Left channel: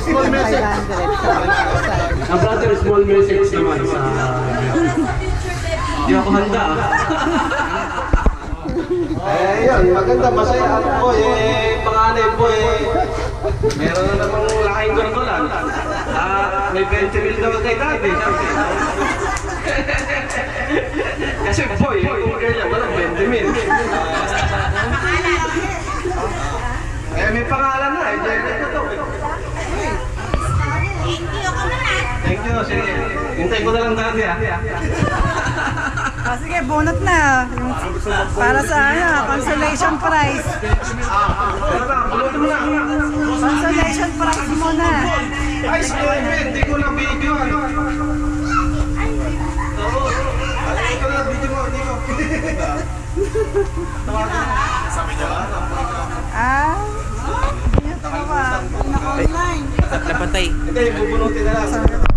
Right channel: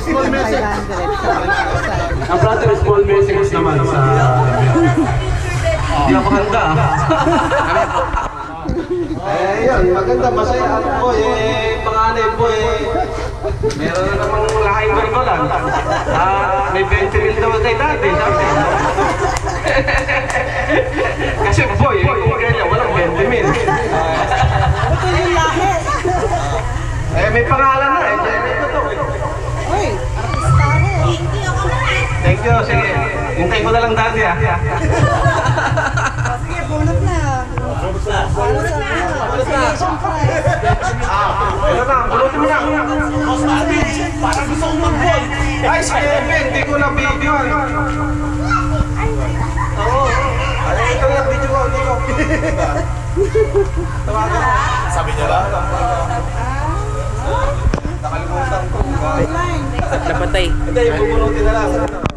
small message. Ang brother, small message naman sa... Hindi ako handa. Yun, maganda, masaya ako po panganay po meron na namang laking gorgolan. May 20 mil daw kay dati. Kasi po kung kanya walang 20 mil. May pangalan na Thank you, sige. Hintay ko na lang dati Sige, bunot na. Para sa consolation prize. Pulutin mo na. Consolation prize muna. Ay, sige, hindi ko na video. Oo. Ito na, video mo. Dito. Tawagan mo. Sabi niya lang. Nakalimutan ko. Napatay. Hindi, bubunutin na lang.